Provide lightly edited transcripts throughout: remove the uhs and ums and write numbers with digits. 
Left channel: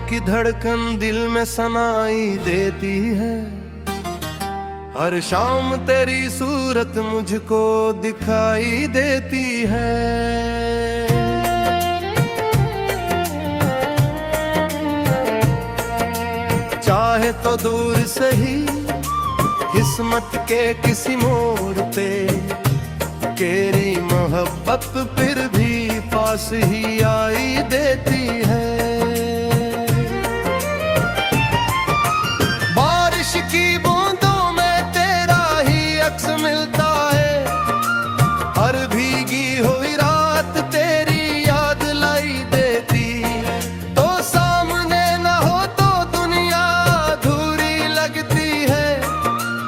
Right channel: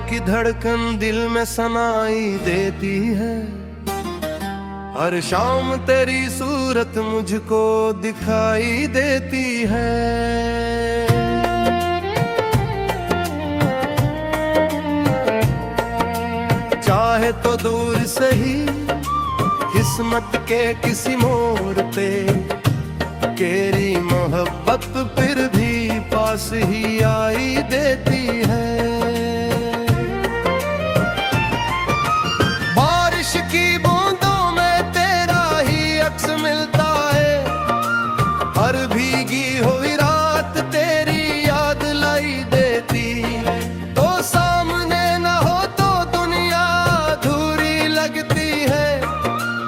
की धड़कन दिल में सनाई देती है। हर शाम तेरी सूरत मुझको दिखाई देती है। चाहे तो दूर से ही किस्मत के किसी मोड़ पे, तेरी मोहब्बत फिर भी पास ही आई देती है। बारिश की बूंदों में तेरा ही अक्स मिलता है। हर भीगी हुई रात तेरी याद लाई देती है। तो सामने न हो तो दुनिया अधूरी लगती है,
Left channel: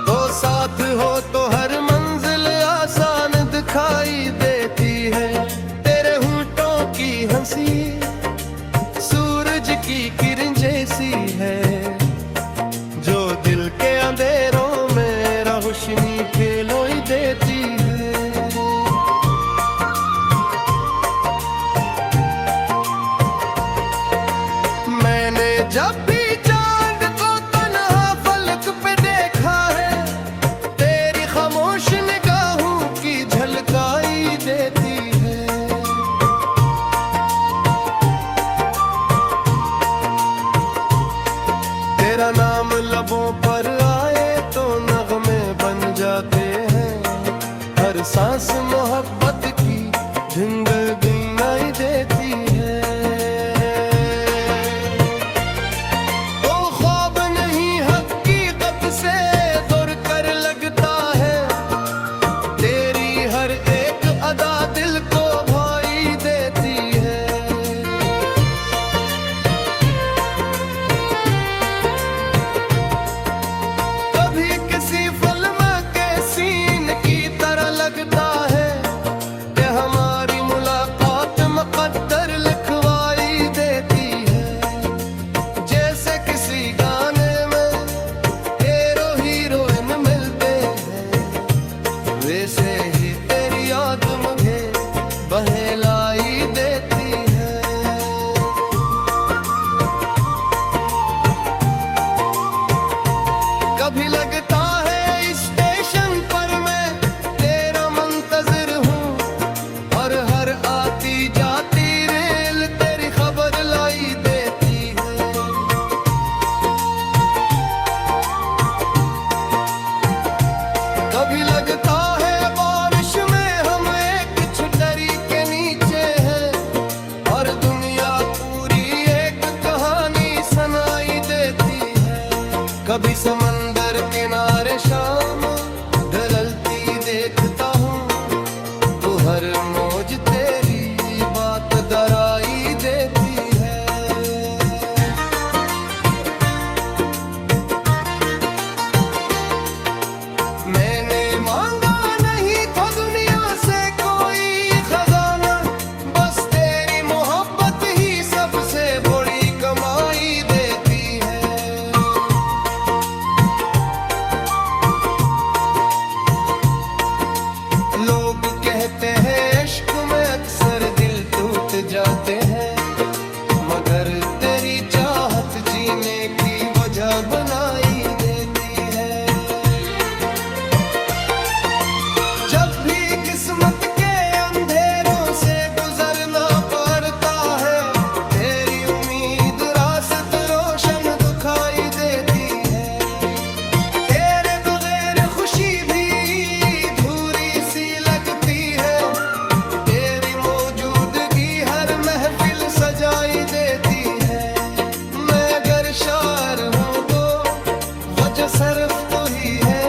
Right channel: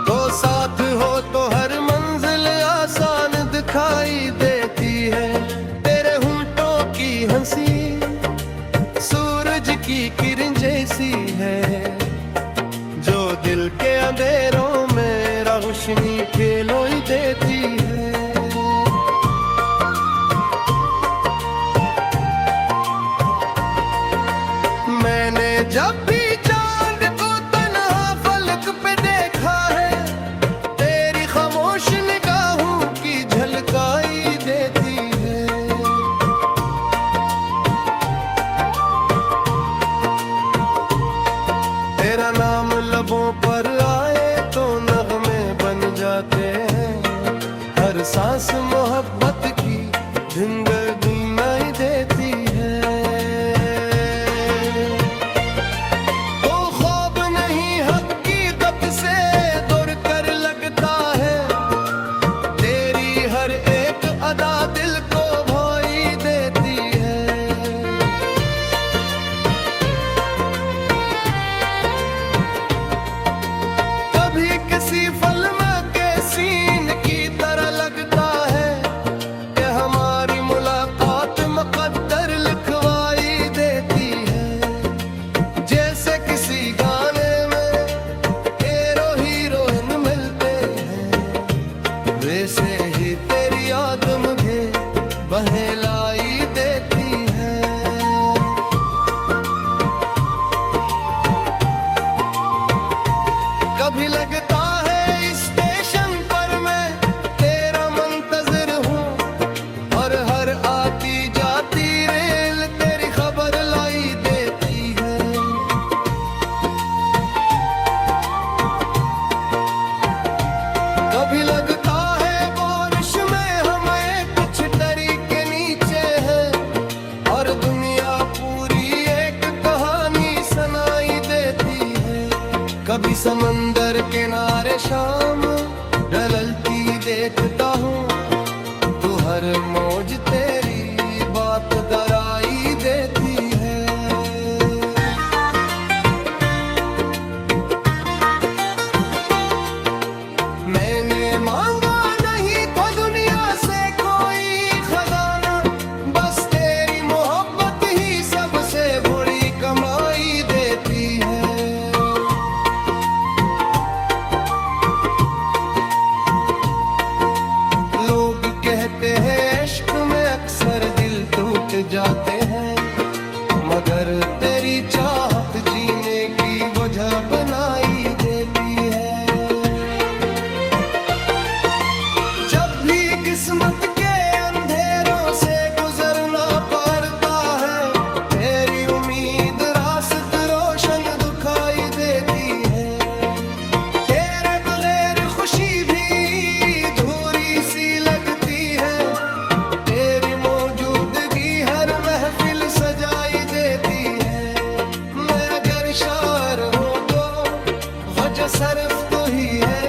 तो साथ हो तो हर मंजिल आसान दिखाई देती है। तेरे होंठों की हंसी सूरज की किरण जैसी है, जो दिल के अंधेरों में रोशनी खिलोई देती है। मैंने जब भी चांद को तन्हा फलक पे देखा है, तेरी खामोश निगाहों की झलकाई देती है। तेरा नाम लबों पर आए तो नगमे बन जाते हैं। हर सांस मोहब्बत की धुंगनाई देती है। तो ख्वाब नहीं हकीकत से दूर कर लगता है। तेरी हर एक अदा दिल को भाई देती है। कभी किसी फिल्म के सीन की तरह लगता है कि हमारी मुलाकात मुकद्दर लिखवाई देती है। जैसे किसी गाने में हीरो हीरोइन मिलते हैं, वैसे ही तेरी याद मुझे बहलाई देती है। कभी लगता है स्टेशन पर मैं तेरा मुंतजिर हूँ, और हर आती जाती रेल तेरी खबर लाई देती है। कभी लगता है बारिश में हम एक छतरी के नीचे हैं, और दुनिया पूरी एक कहानी सुनाई देती है। कभी समंदर किनारे शाम ढलती देखता हूँ, तो हर मौज तेरी बात दराई देती है। मैंने मांगा नहीं था दुनिया से कोई खजाना, बस तेरी मोहब्बत ही सबसे बड़ी कमाई देती है। लोग कहते हैं इश्क में अक्सर दिल टूट जाते हैं, मगर तेरी चाहत जीने की वजह बनाई देती है। जब भी किस्मत के अंधेरों से गुजरना पड़ता है, तेरी उम्मीद रास्त रोशन दिखाई देती है। तेरे बगैर खुशी भी धूरी सी लगती है, तेरी मौजूदगी हर महफिल सजाई देती है। मैं अगर शायर हूँ तो वजह सिर्फ तो ही है,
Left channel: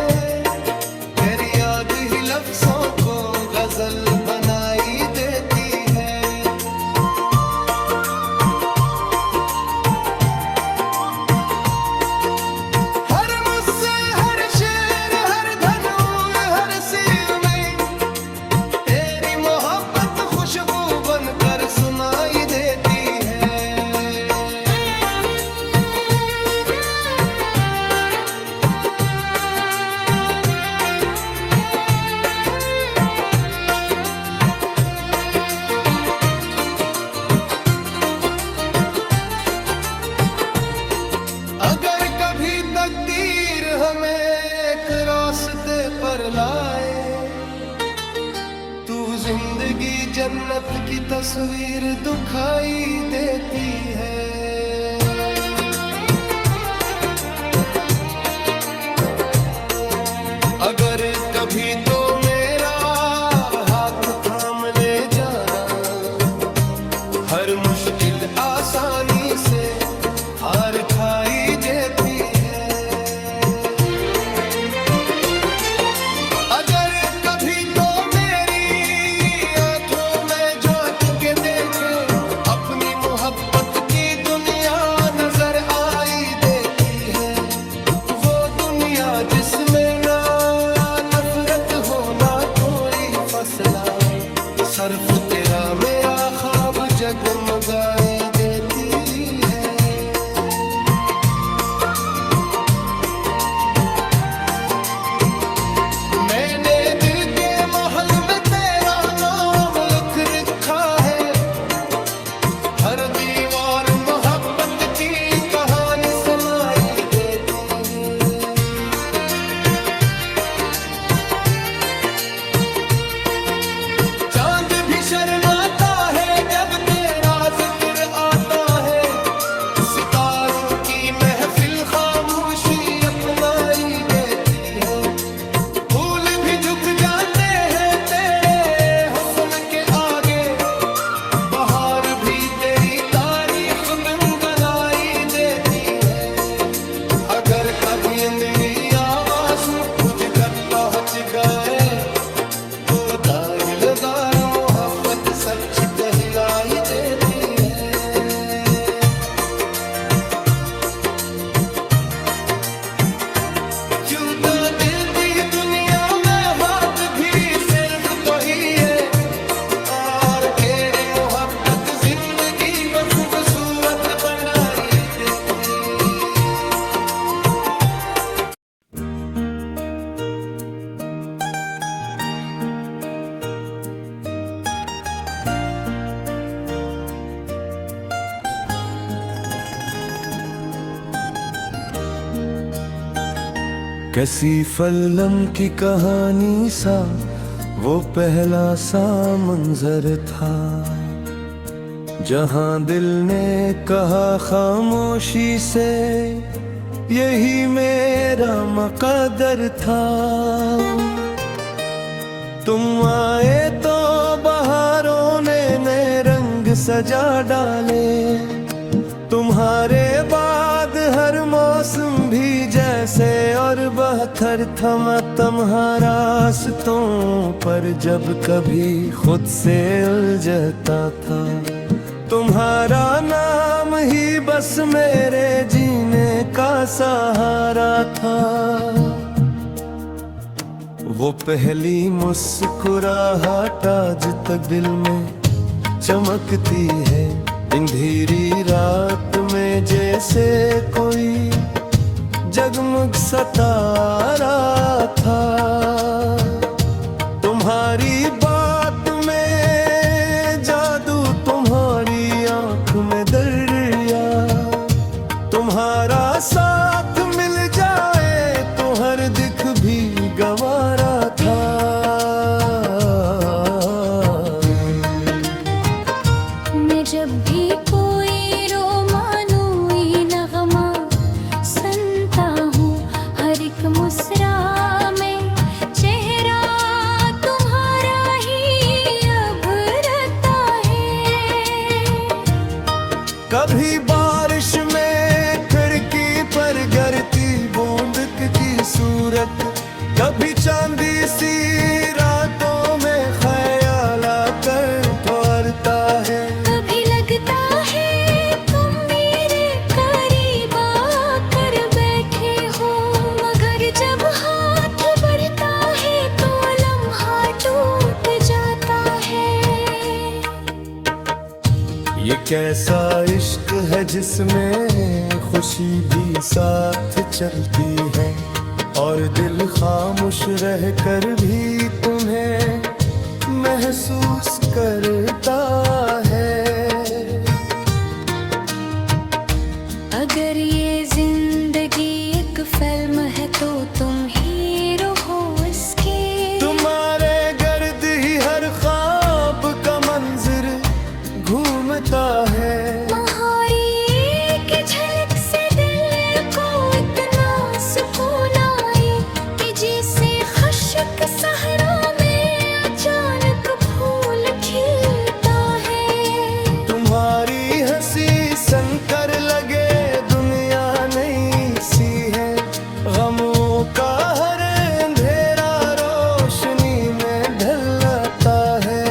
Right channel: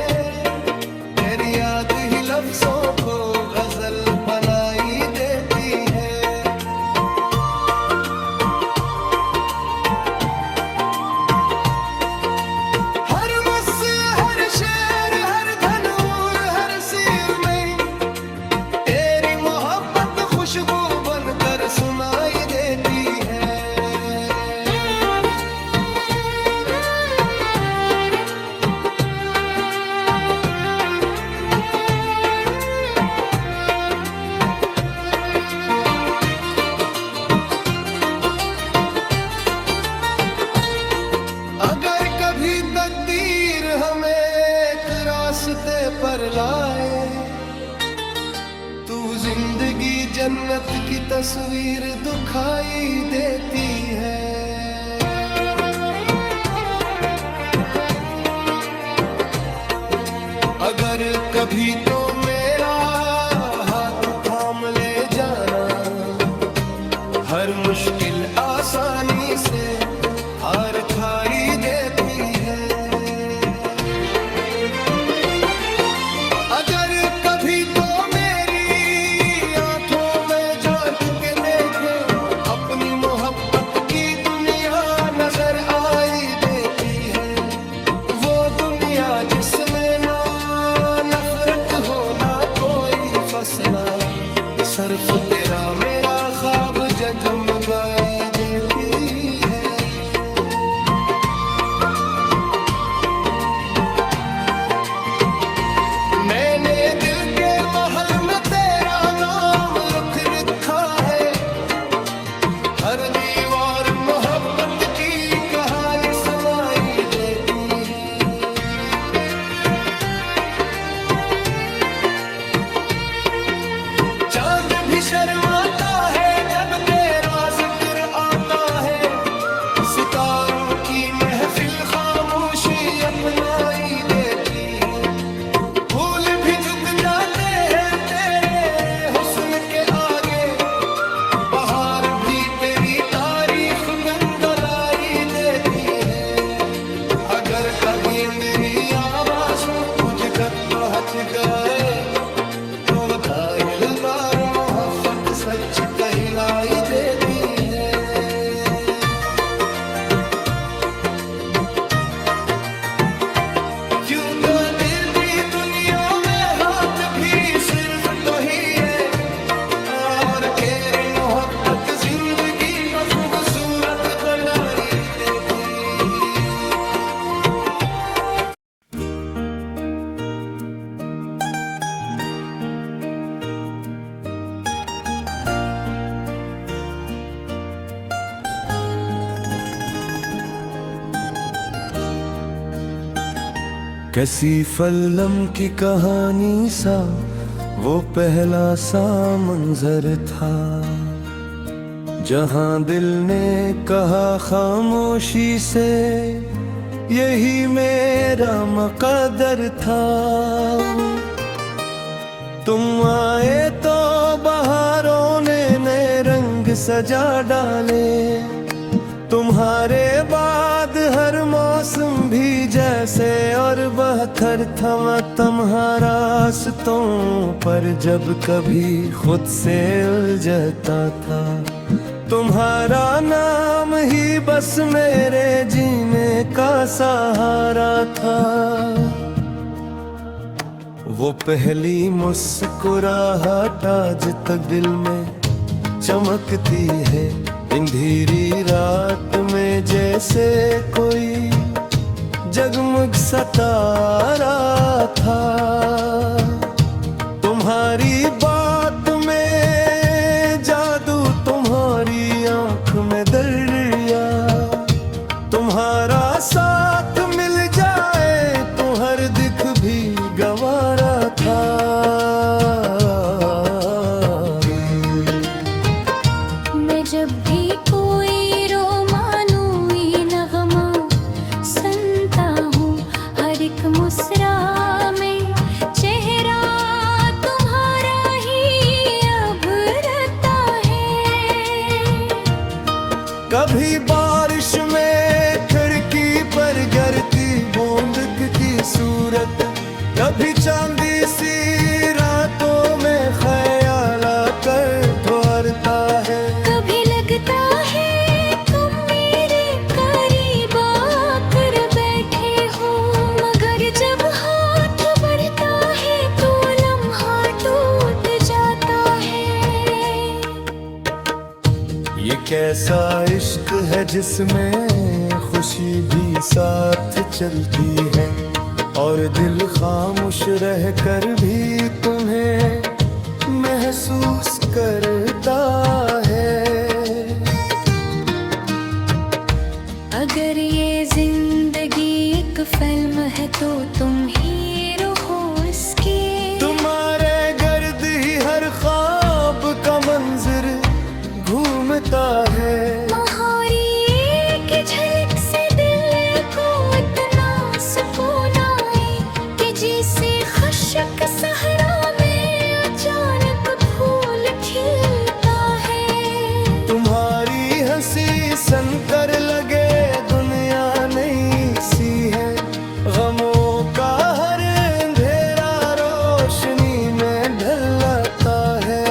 तेरी याद ही लफ्जों को गजल बनाई देती है। हर मुझसे हर शेर हर धनूर हर सिर में तेरी मोहब्बत खुशबू बनकर सुनाई देती है। हमें एक रास्ते पर लाए। तू जिंदगी जन्नत की तस्वीर दिखाई देती है। अगर कभी तो मेरा हाथ थाम ले जाना, हर मुश्किल आसानी से हार खाई देती है। अगर कभी तो मेरी आंखों में झांक के देखे, अपनी मोहब्बत की दुनिया नजर आई देती है। वो दुनिया जिसमें ना नफरत हो ना कोई फसला, सिर्फ तेरा मेरा ख्वाब जगमगाई देती है। मैंने दिल के महल में तेरा नाम लिख रखा है। हर दीवार मोहब्बत की कहानी सुनाई देती है। चांद भी शर्माता है जब तेरा जिक्र आता है। सितारों की महफिल खामोशी अपनाई देती है। फूल भी झुक जाते हैं तेरे हुस्न के आगे। बहार भी तेरी तारीफ बिंगलाई देती है। अगर कभी अंधेरी आवाज कुछ तक पहुंच गए, तो दाहिलदार मोहब्बत सच कहलाई देती है। क्यों दी दुनिया में हाथ भी सिर्फ तो ही है, और तेरी मोहब्बत जिंदगी खूबसूरत बनाई देती। कैसी फिल्म की कहानी सा वो पहला सा मंजर था, जहां दिल ने कहा खामोशी से यही मेरा मकदर था। तुम आए तो बहारों ने नए रंग सजा डाले। तुम्हारे बाद हर मौसम भी जैसे और बहतर था। मैं तुम्हारा रास्तों पर जब कभी खुद से उलझता था, तुम्हारा नाम ही बस मेरे जीने का सहारा था। वो पहली मुस्कुराहट आज तक दिल में चमकती है। अंधेरी रात में जैसे कोई जगमग सितारा था। तुम्हारी बात में जादू, तुम्हारी आंख में दरिया। तुम्हारा साथ मिल जाए तो हर दिख भी गंवारा था। मैं जब भी कोई रोमानोई नगमा सुनता हूँ, हर एक मुस्रा में चेहरा तुम्हारा ही अभरता है। कभी बारिश में खिड़की पर गिरती बूंद की सूरत, कभी चांदी सी रातों में ख्याल आकर ठहरता है। कभी लगता है तुम मेरे करीब आकर बैठे हो, मगर जब हाथ बढ़ता है तो लम्हा टूट जाता है। ये कैसा इश्क है जिसमें खुशी भी साथ चलती है, और दिल खामोश रह कर भी तुम्हें महसूस करता है। अगर ये जिंदगी एक एक फिल्म है तो तुम हीरो हो इसके। तुम्हारे गर्द ही हर ख्वाब का मंजर घूमता है। महारी एक झलक से दिल को इतना सुकून आए कि जैसे खुशक सहरा में अचानक फूल खिलता है। तुम्हारी हंसी सनकर लगे दुनिया नई सी है। गमों का हर अंधेरा रोशनी में ढलता है।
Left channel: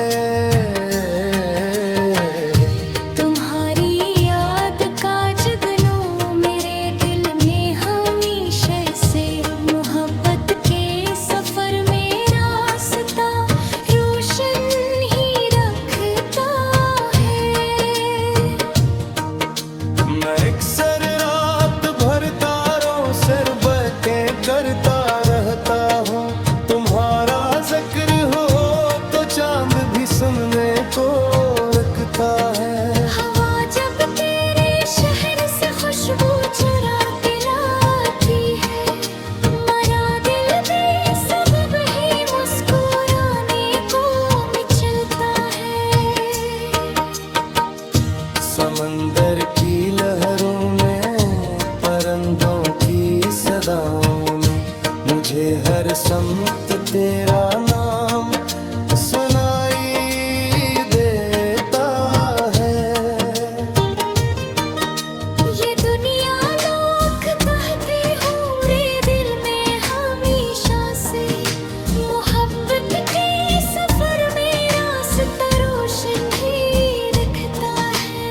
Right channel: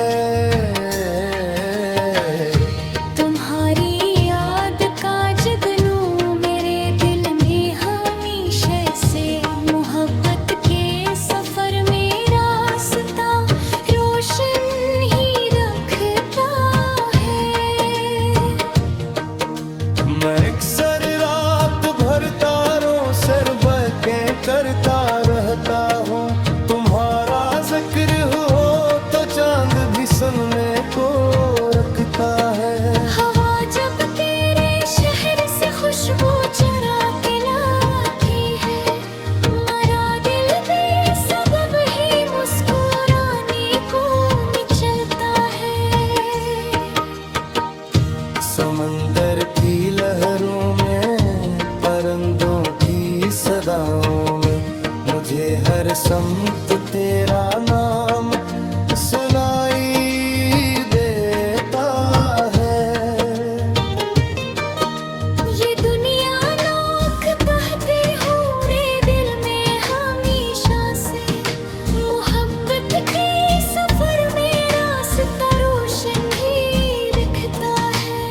तुम्हारी याद का जुगनू मेरे दिल में हमेशा से। मोहब्बत के सफर में रास्ता रोशन ही रखता है। मैं अक्सर रात भर तारों से बातें करता रहता हूँ। तुम्हारा जिक्र हो तो चांद भी सुनने को रखता है। हवा जब तेरे शहर से खुशबू चुरा के लाती है, मरा दिल बेसबब ही मुस्कुराने को मचलता है। समंदर की लहरों में परिंदों की सदाओं में मुझे हर समत तेरा नाम सुनाई देता है। ये दुनिया लाख कहते हो रे दिल में हमेशा से। मोहब्बत के सफर में रास्ता रोशन ही रखता है।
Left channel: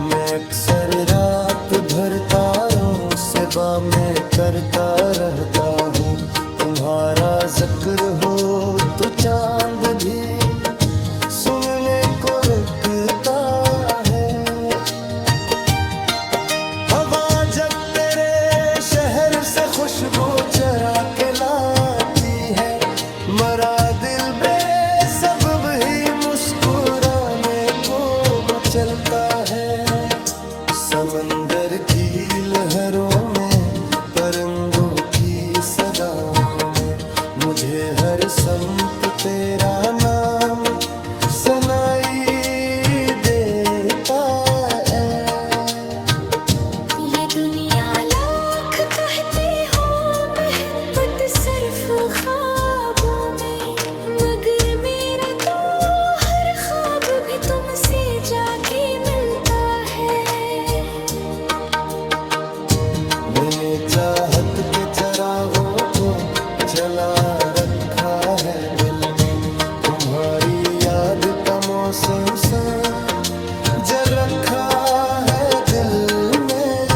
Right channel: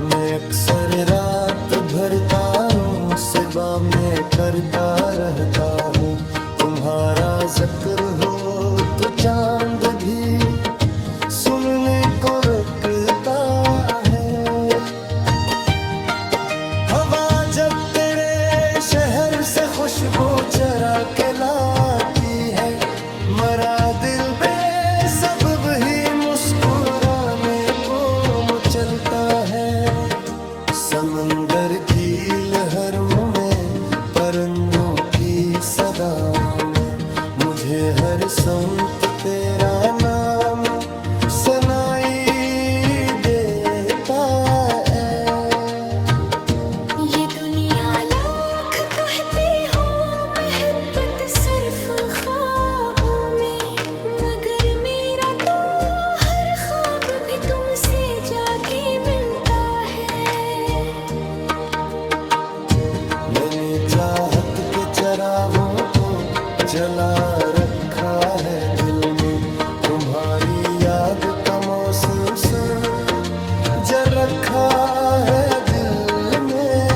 मैं अक्सर रात भर तारों से बातें करता रहता हूँ। तुम्हारा जिक्र हो तो चांद भी सुनने को रखता है। हवा जब तेरे शहर से खुशबू चरा के लाती है, मरा दिल बेसबब ही मुस्कुराने को मचलता है। समंदर की लहरों में परिंदों की सदाओं में मुझे हर समत तेरा नाम सुनाई देता है। ये दुनिया लाख कहते हो मोहब्बत सिर्फ ख्वाबों में, मगर मेरा तो हर ख्वाब भी तुमसे जाके मिलता है। मैंने चाहत के चरागों को जला रखा है दिल में। तुम्हारी याद का मौसम जल रखा है दिल में।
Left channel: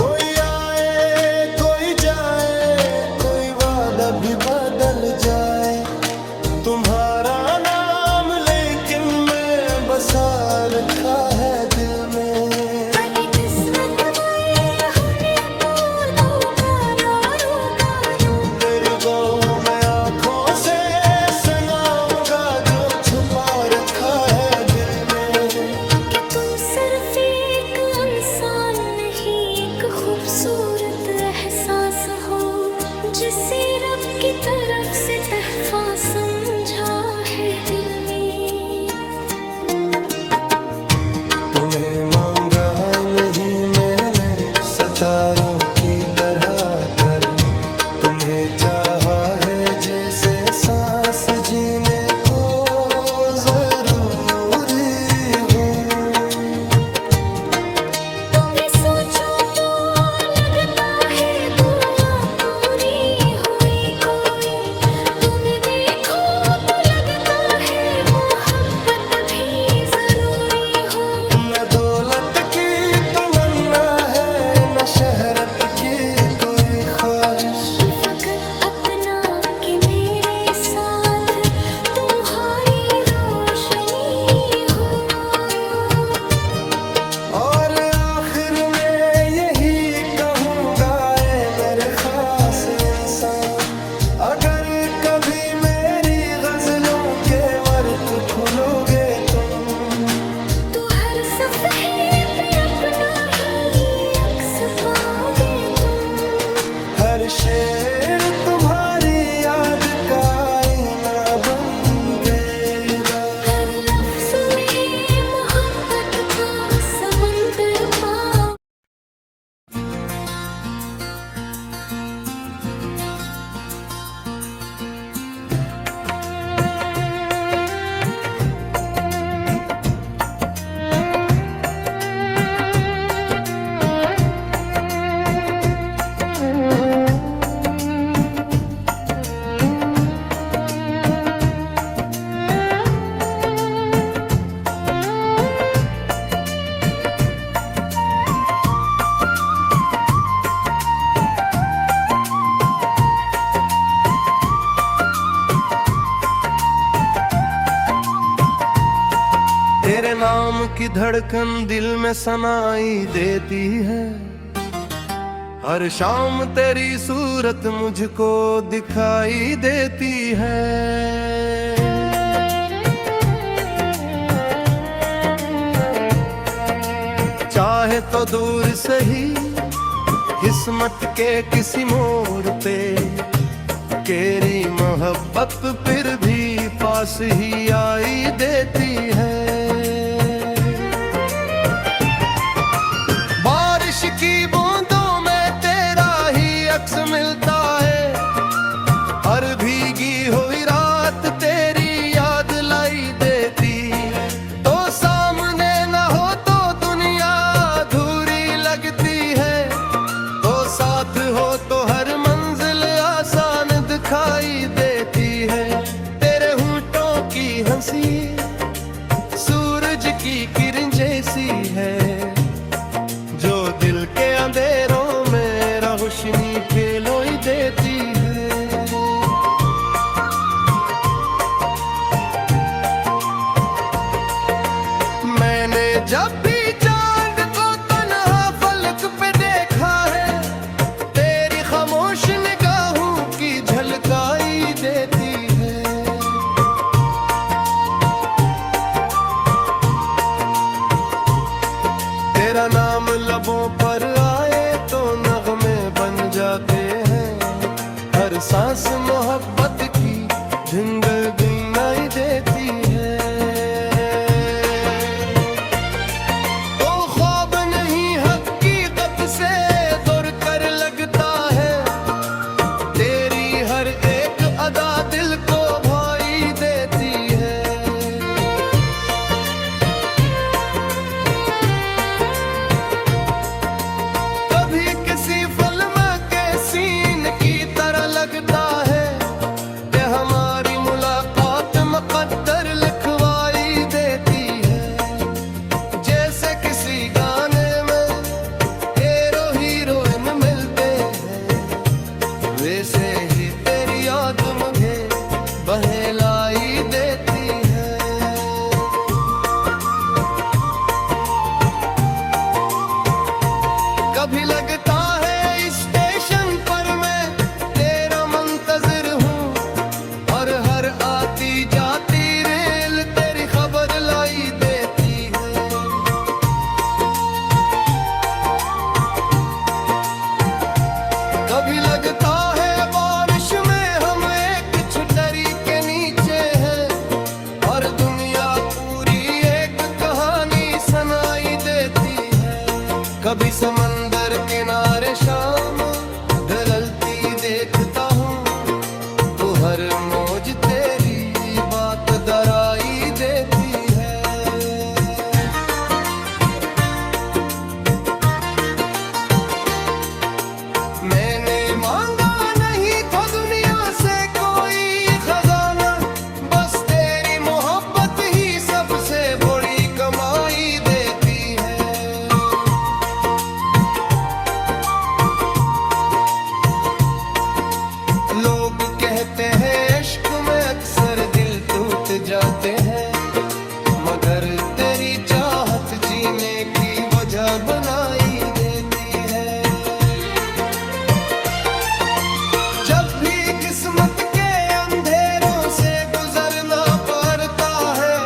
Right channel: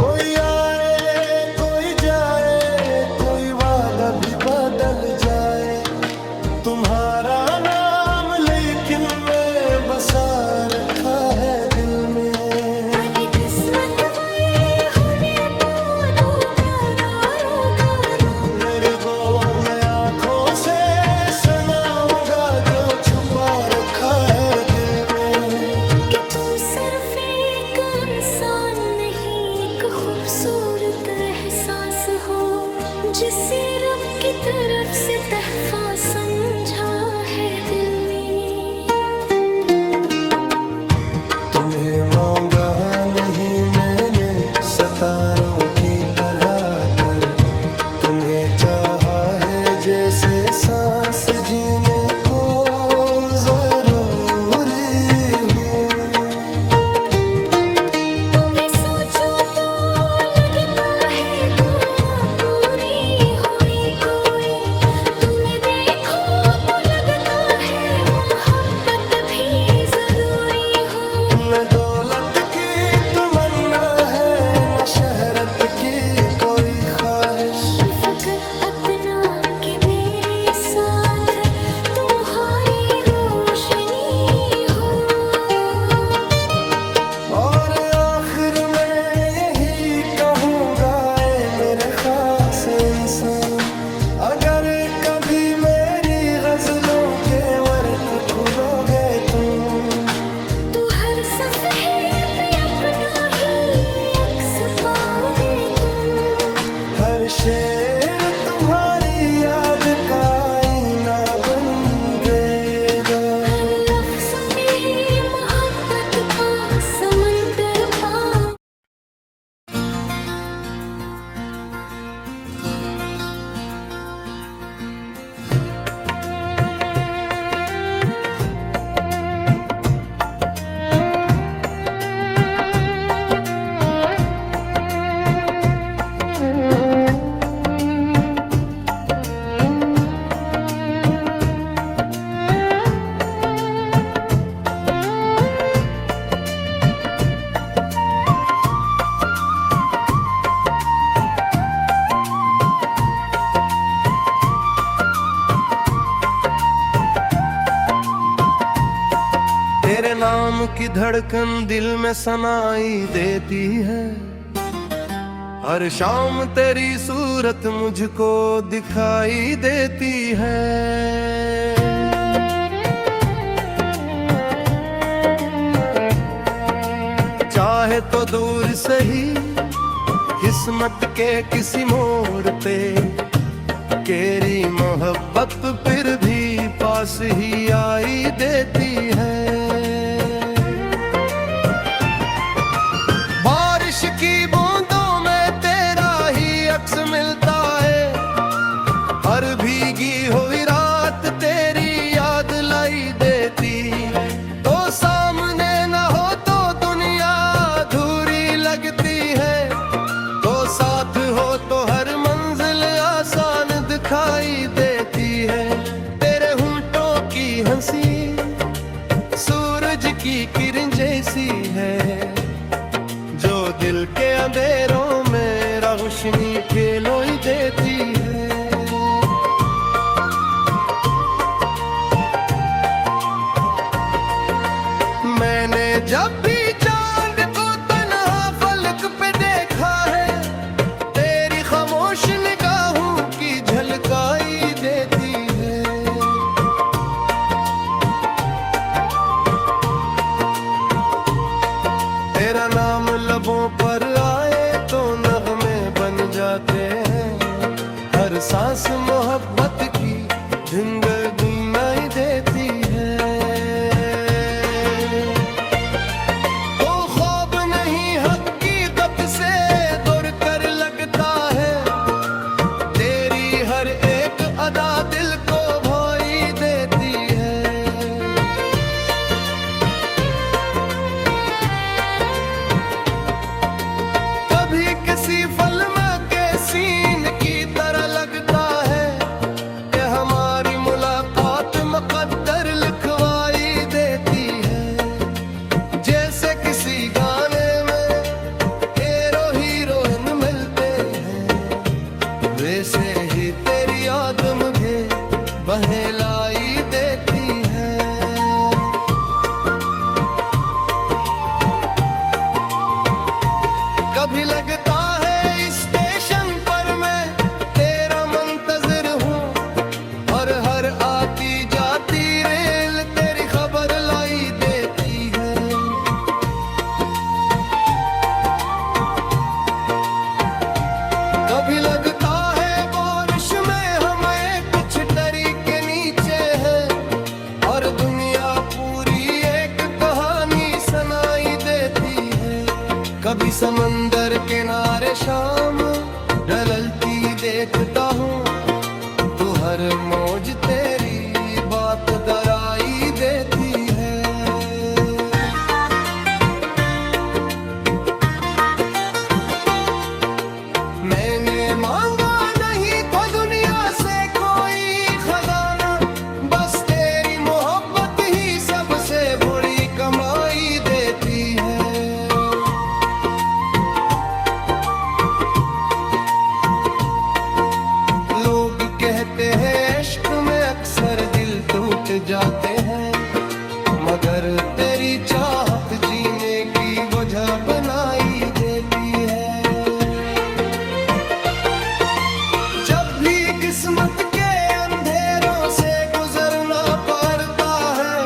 कोई आए कोई जाए, कोई वादा भी बदल जाए। तुम्हारा नाम लेकिन मैं बसा रखा है दिल में। बड़ी किस्मत वाले होने को तो कारों मेरे को मैं आँखों से सुनाऊंगा जो छुपा रखा है दिल में। कि तुम सिर्फ एक इंसान नहीं, एक खूबसूरत एहसास हो जिसे रब की तरफ से तहफा समझा है दिल में। तुम्हें मांगा नहीं मैंने सितारों की तरह कर। तुम्हें चाहा है जैसे सांस जीने को जरूरी हो। तुम्हें सोचो तो लगता है दुआ पूरी हुई कोई। तुम्हें देखो तो लगता है मोहब्बत भी जरूरी हो। न दौलत की तमन्ना है न शहरत की कोई ख्वाहिश। फकत अपना के मेरे साथ तुम्हारी रोशनी हो। और आखिर में यही कहूँगा ऐ मेरे खास इंसान, अगर कभी मेरी गजलों के वर्क खुलोगे तुम। तू हर सफ़हे शेर तुम्हारी याद का आईना बन देगा। हर लफ्ज में मोहब्बत का समंदर पा। तेरे नाम की धड़कन दिल में सनाई देती है। हर शाम तेरी सूरत मुझको दिखाई देती है। चाहे तो दूर सही किस्मत के किसी मोड़ पे, तेरी मोहब्बत फिर भी पास ही आई देती है। बारिश की बूंदों में तेरा ही अक्स मिलता है। हर भीगी हुई रात तेरी याद लाई देती है। तो सामने न हो तो दुनिया अधूरी लगती है। तो साथ हो तो हर मंजिल आसान दिखाई देती है। तेरे होंठों की हंसी सूरज की किरण जैसी है, जो दिल के अंधेरों में रोशनी फैलाई देती है। मैंने जब भी चांद को तन्हा फलक पे देखा है, तेरी खामोश निगाहों की झलकाई देती है। तेरा नाम लबों पर आए तो नगमे बन जाते हैं। हर सांस मोहब्बत की धिंगर गुनाई देती है। तो ख्वाब नहीं हकीकत से दूर कर लगता है। तेरी हर एक अदा दिल को भाई देती है। कभी किसी फिल्म के सीन की तरह लगता है कि हमारी मुलाकात मुकद्दर लिखवाई देती है। जैसे किसी गाने में हीरो हीरोइन मिलते हैं, वैसे ही तेरी याद मुझे बहलाई देती है। कभी लगता है स्टेशन पर मैं तेरा मुंतजिर हूँ, और हर आती जाती रेल तेरी खबर लाई देती है। कभी लगता है बारिश में हम एक छतरी के नीचे हैं, और दुनिया पूरी एक कहानी सुनाई देती है। कभी समंदर किनारे शाम ढलती देखता हूँ, तो हर मौज तेरी बात दराई देती है। मैंने मांगा नहीं था दुनिया से कोई खजाना, बस तेरी मोहब्बत ही सबसे बड़ी कमाई देती है। लोग कहते हैं इश्क में अक्सर दिल टूट जाते हैं, मगर तेरी चाहत जीने की वजह बनाई देती है। जब भी किस्मत के अंधेरों से गुजरना पड़ता है,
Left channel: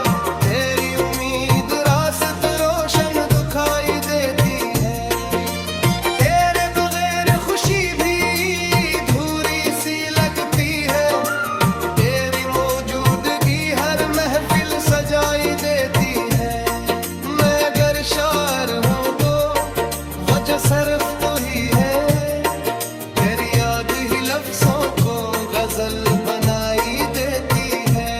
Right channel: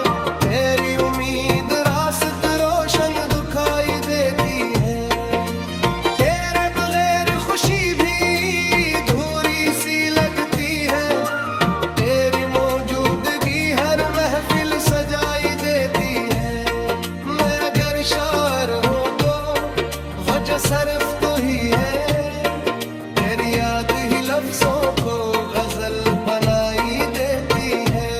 तेरी उम्मीद रास्त रोशन दिखाई देती है। तेरे बगैर खुशी भी सच्चा सर्फ तो ही है, तेरी याद ही लफ्जों को गजल बनाई देती है।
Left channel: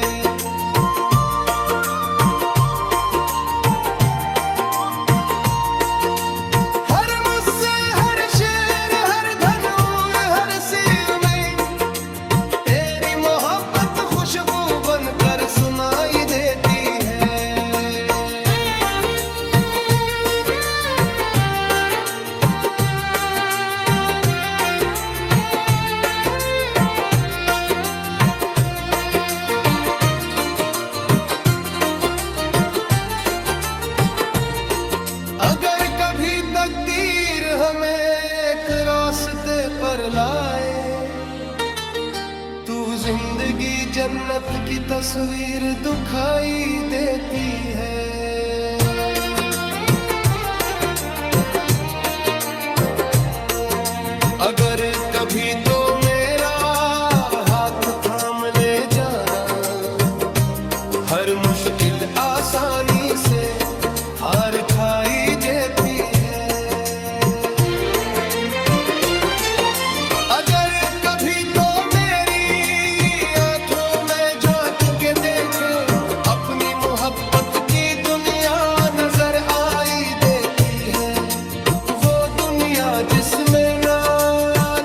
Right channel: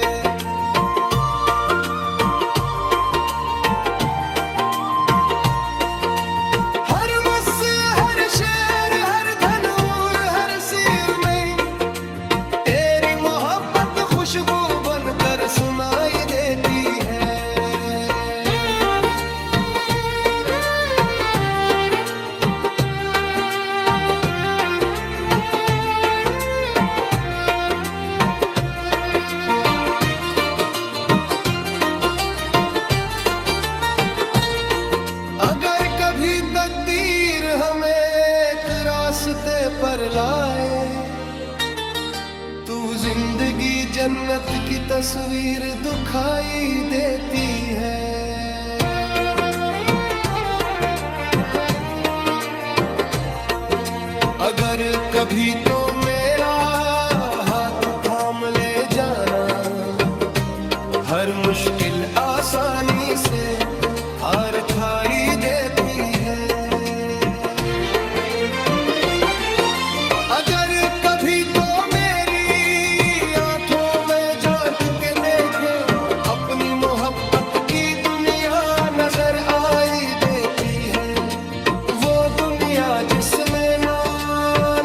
हर मुस्से, हर शेर, हर धन और हर सिर में तेरी मोहब्बत खुशबू बनकर सुनाई देती है। अगर कभी तकदीर हमें एक रास्ते पर लाए, तू जिंदगी जन्नत की तस्वीर दिखाई देती है। अगर कभी तो मेरा हाथ थाम ले जाना, हर मुश्किल आसानी से हार खाई देती है। अगर कभी तो मेरी आंखों में झांक के देखे, अपनी मोहब्बत की दुनिया नजर आई देती है। वो दुनिया जिसमें ना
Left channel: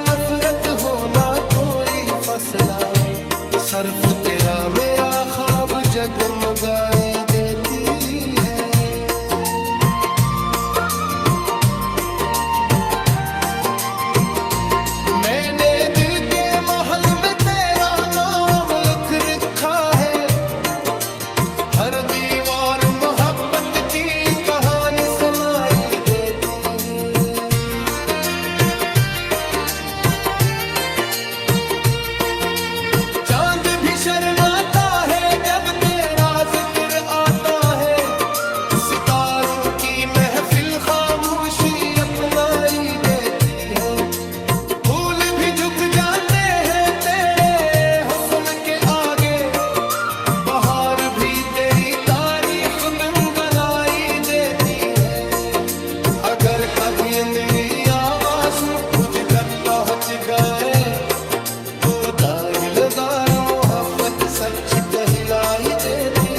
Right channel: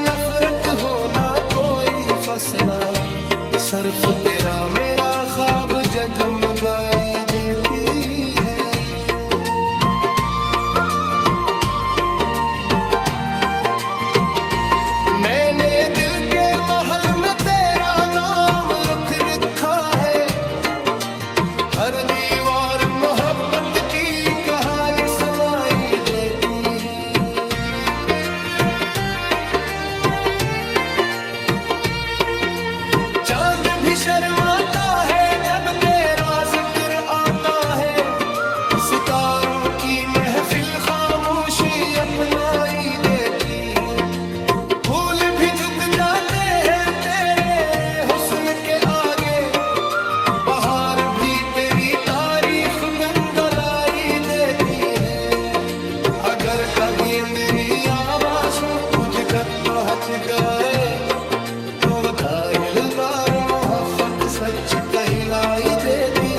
नफरत हो ना कोई फसला, सिर्फ तेरा मेरा ख्वाब जगमगाई देती है। मैंने दिल के महल में तेरा नाम लिख रखा है, हर दीवार मोहब्बत की कहानी सुनाई देती है। चांद भी शर्माता है जब तेरा जिक्र आता है, सितारों की महफिल खामोशी अपनाई देती है। फूल भी झुक जाते हैं तेरे हुस्न के आगे, बहार भी तेरी तारीफ बिंगलाई देती है। अगर कभी मेरी आवाज तुझ तक पहुंच गए, तो दाहिलदार मोहब्बत सच कहलाई देती